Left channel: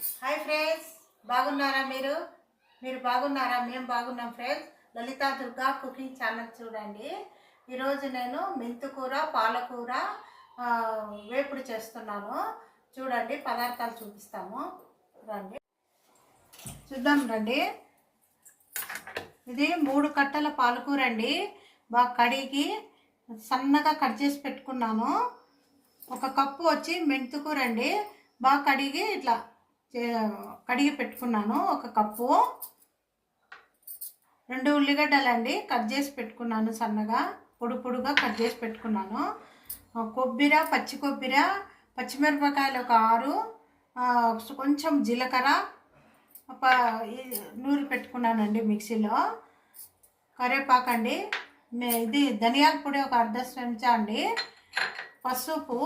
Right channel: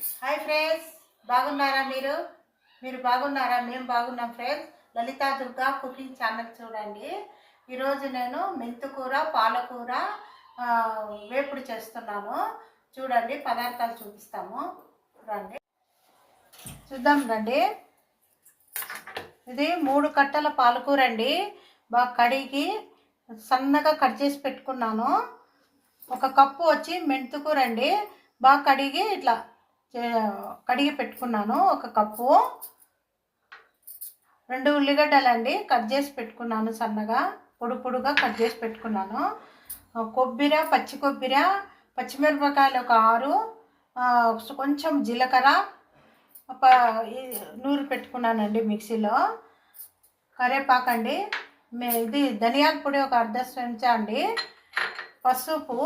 Hi friends, బాగున్నారా? మీరు బాగున్నారా? మేము బాగున్నాం friends. Lalitha Durga cooking channel చూడండి. ఈరోజు నేను మెంతుకూర పాలకూర వేపుడు చేస్తున్నాను. చూడండి, పదార్థాలు చూపిస్తాము. చూద్దాం రండి. ఇది 3 కట్టల పాలకూర అండి. బాగా కడిగి సన్నగా కట్ చేసి పెట్టుకున్నాను. 1 కప్పు వచ్చి మెంతుకూర అండి. బాగా కడిగి ఇట్లా కడిగి పెట్టుకున్నాను. 1 కప్పు. 2 ఉల్లిగడ్డలండి కట్ చేసి పెట్టుకున్నాను. సన్నగా పొడుగా కట్ చేసి పెట్టుకున్నాను. కొబ్బరి, పచ్చి కొబ్బరి, పచ్చిమిరపకాయలు 6, కొంచెం జీలకర్ర నూరి పెట్టుకున్నానండి మిక్సీలో. కరివేపాకండి, ఇది ధనియాల పొడి 1 అర్ధ చెంచా అండి. పసుపు,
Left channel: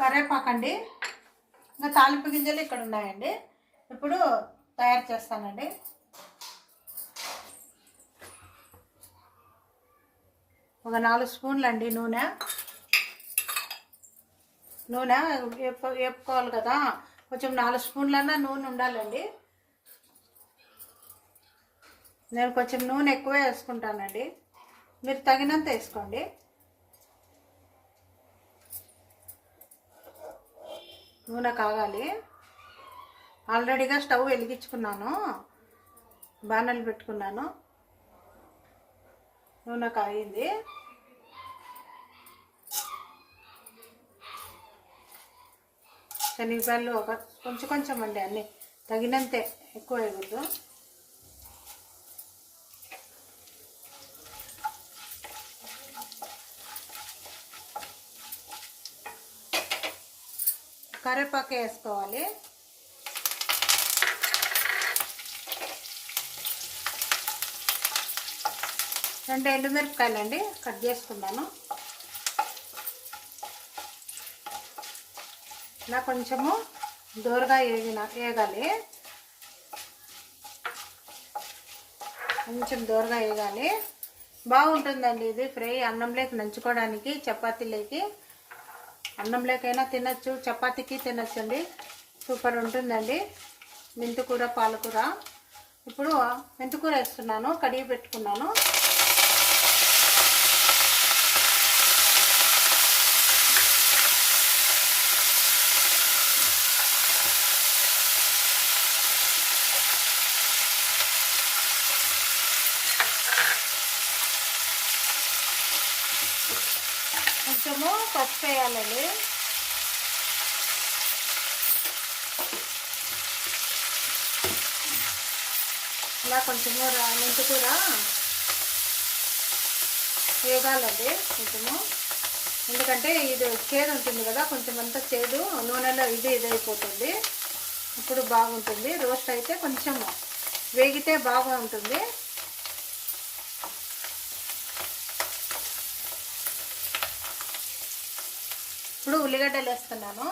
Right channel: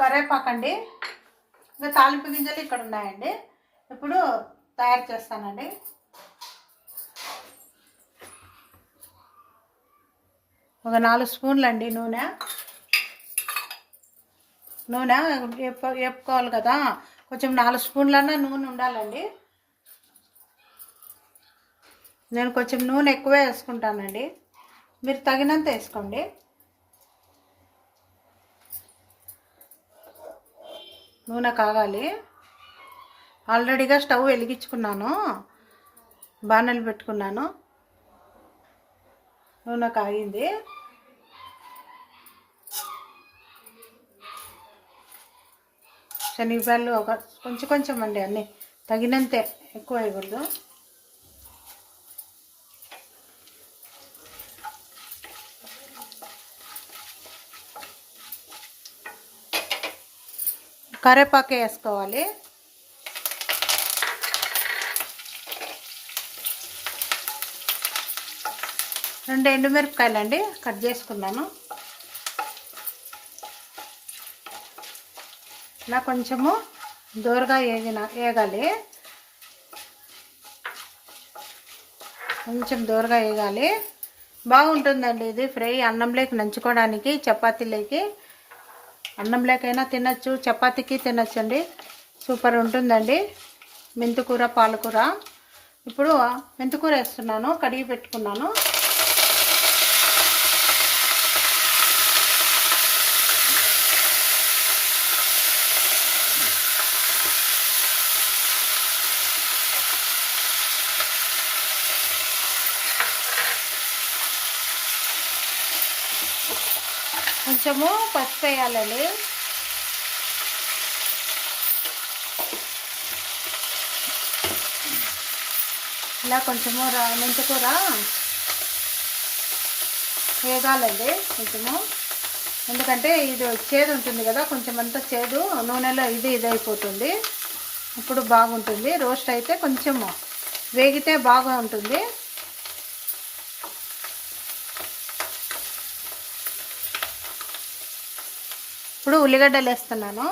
కరివేపాకండి. ఇంకా తాలింపు గింజలు ఇక్కడ ఉన్నాయండి. ఇప్పుడు తయారు చేస్తానండి. ఒక 4 స్పూన్లు అండి నూనె వేపుకోవాలి కదా, కొంచెం 4 స్పూన్లన్నా నూనె ఉండాలండి. నేను కొంచెం నూనె ఎక్కువే వేసుకుంటానండి, మీరు తగినంత వేసుకోండి. నూనె కాగాలి. ఆల్రెడీగా స్టవ్ వెలిగించుకున్నాను, బాణలు పెట్టుకున్నాను. నూనె కాగింది. శనగపాయలు కొంచెం అండి, అన్నీ తగినంతే, ఎక్కువ వేయకూడదు. కరివేపాకు వేసుకోవాలి. రెండు ఎండుమిరపకాయలు అండి కట్ చేసుకున్నాను. ఇలా కొంచెము దూరగా వేగాలి, కొంచెం దూరగా వేగాలి. బాగుంటుందండి ఇది ఫ్రై. అన్నంలోకి నంచుకోవడానికి, చపాతీలోకి, అన్నంలోకైనా తినచ్చు, చపాతీకి తినచ్చండి. సూపర్ ఉంటుందండి మెంతుకూర పాలకూర. ఇప్పుడు మెంతుకూర వేస్తున్నాను, కడిగి పెట్టుకున్నాను. కొంచెము పసుపు వేయాలండి. ఇలా కొంచెము మెంతుకూర వేగాలండి కొంచెము, ఎందుకంటే ఇది చేదు ఉంటుంది కదా, కొంచెం అంతా చేదు నూనెలో ఇది అయిపోతుంది. ఇప్పుడు బాగుంటుంది. రోస్ట్ అయితే కొంచెం వేగితే బాగా ఉంటుంది. ఇప్పుడు ఉల్లిగడ్డలు వేస్తున్నాను.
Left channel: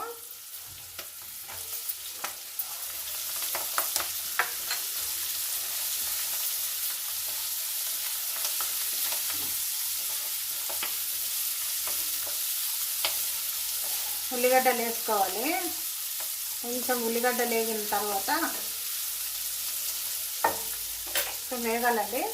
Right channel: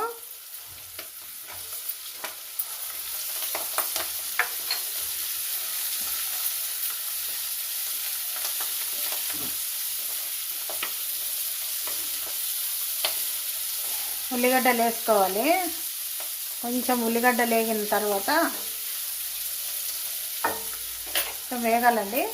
ఉల్లిగడ్డలు వేసుకోవాలి. కొంచెం ఉల్లిగడ్డలు వేగిన తర్వాత కొంచెం వేగాలండి.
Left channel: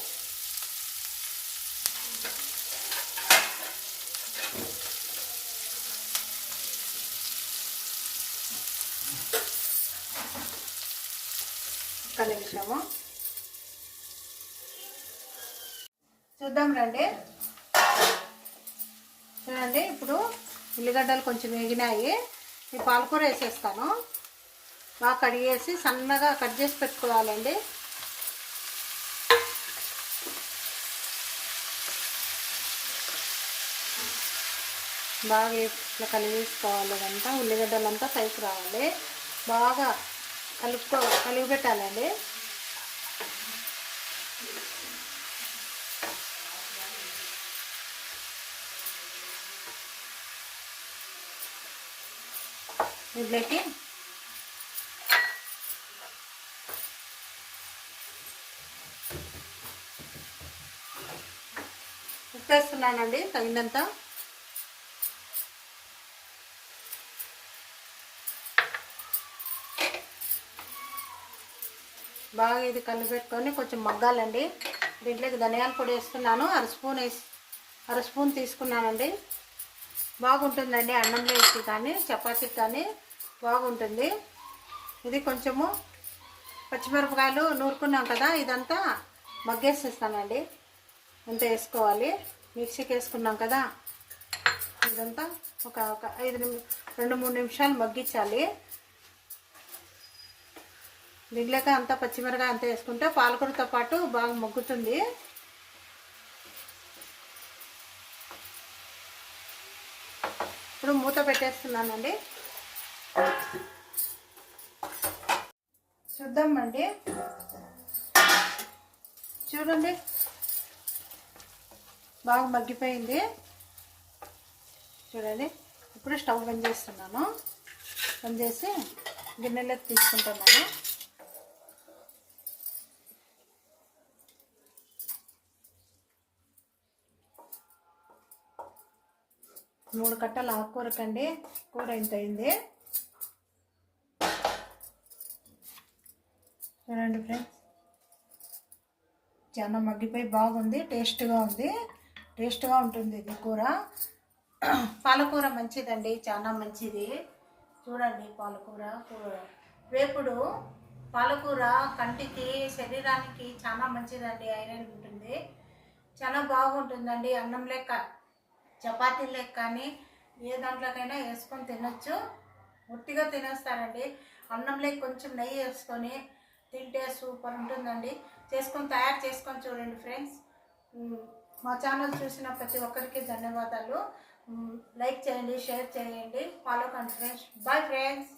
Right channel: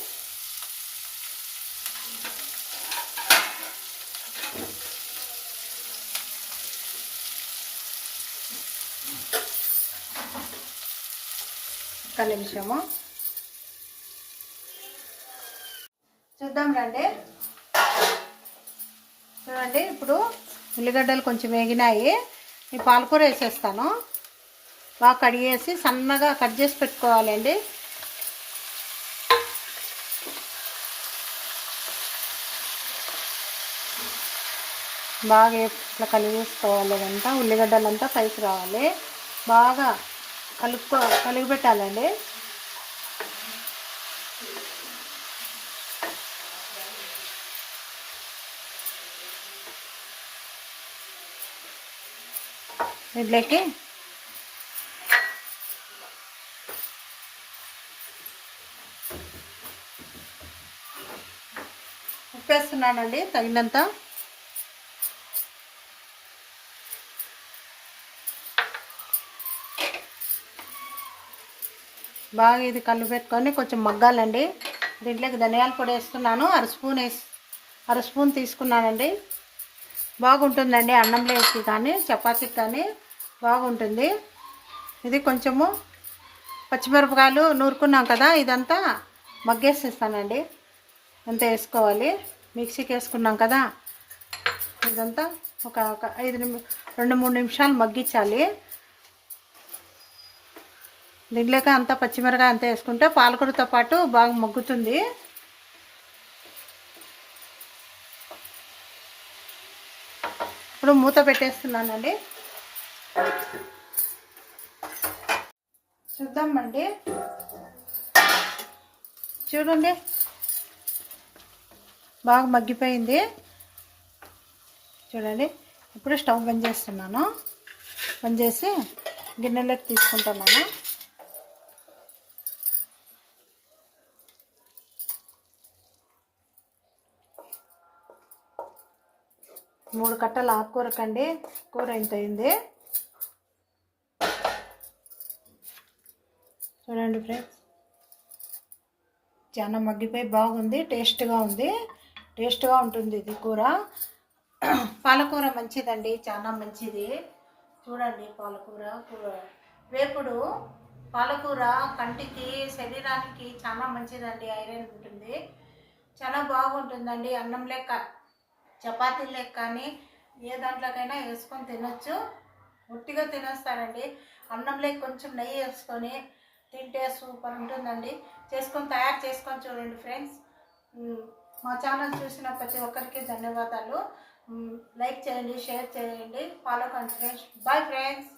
ఒక్క నిమిషము చూద్దాం రండి. చూడండి, ఇప్పుడు ఉల్లిగడ్డలు కొంచెం వేగినాయి. ఈ పాలకూర వేసేస్తాను. బాగా కడిగేసి సన్నగా కట్ చేసి పెట్టుకోవాలండి. బాగా ఇట్లా కలిగేసుకోవాలి. అదంతా ఉల్లిగడ్డలంతా పైకి రావాలి. బాగా కలిగి పెట్టాలండి. దీంట్లోకి ఉప్పు వేస్తున్నానండి తగినంత. బాగా ఇది కలిపి పెట్టుకొని కొంచెం మగ్గాలండి. దీంట్లోకి ధనియాల పొడి వేస్తున్నాను. అర స్పూన్ తీసుకున్నానండి. బాగుంటుందండి అన్నంలోకి కానీ చపాతీకి కానీ బాగుంటుంది. ఇది కొంచెము పచ్చిమిరపకాయలు నూరుకున్నాం కదా, ఇదంతా మగ్గేసేస్తానండి. అంతా వేసుకోవాలి. మిక్సీకి వేసుకున్నాం కదా, ఇదంతా ఒక 2-3 నిమిషాలు మగ్గించాలి. దీంట్లోకి అంతా పచ్చిమిరపకాయ అంతా వేసుకుంటే పాలకూరతో పాటు బాగా మగ్గుతుంది. ఇప్పుడు మూత పెట్టేస్తున్నానండి. చూద్దామండి. చూడండి బాగా మగ్గిపోయింది. చూడండి. ఇప్పుడు స్టవ్ బంద్ చేస్తున్నాను. బంద్ చేసి గిన్నెలోకి తీసుకుంటున్నాను. మూడు కట్టల ఆకుకూరకండి. కూర ఎంత అయింది చూడండి ఫ్రెండ్స్. చాలా మగ్గిపోయి బాగుంది. టేస్ట్గా ఉంటుంది ఇది కూర. పాలకూర మంచిదండి, చాలా మంచిది. చూడండి పాలకూర వేపుడు పాలకూర కంటికి శరీరానికి చాలా మంచిదండి. ఐరన్ ఉంటుంది, చాలా బాగుంటుందండి. అన్నం లెక్క చపాతీ లెక్క కానీ ఏ దాంట్లోకైనా వేసుకొని తినొచ్చు. ఒట్టిగా తినేస్తారండి. అన్నంలోకి కొంచెం నెయ్యి వేసుకొని తింటే సూపర్ ఉంటుందండి. తయారు చేసుకొని చూడండి ఫ్రెండ్స్. మా ఛానల్ చూసిన ప్రతి ఒక్కరికి ధన్యవాదాలు. లైక్ చేయండి, షేర్ చేయండి, ఫాలో కండి ఫ్రెండ్స్. Bye friends.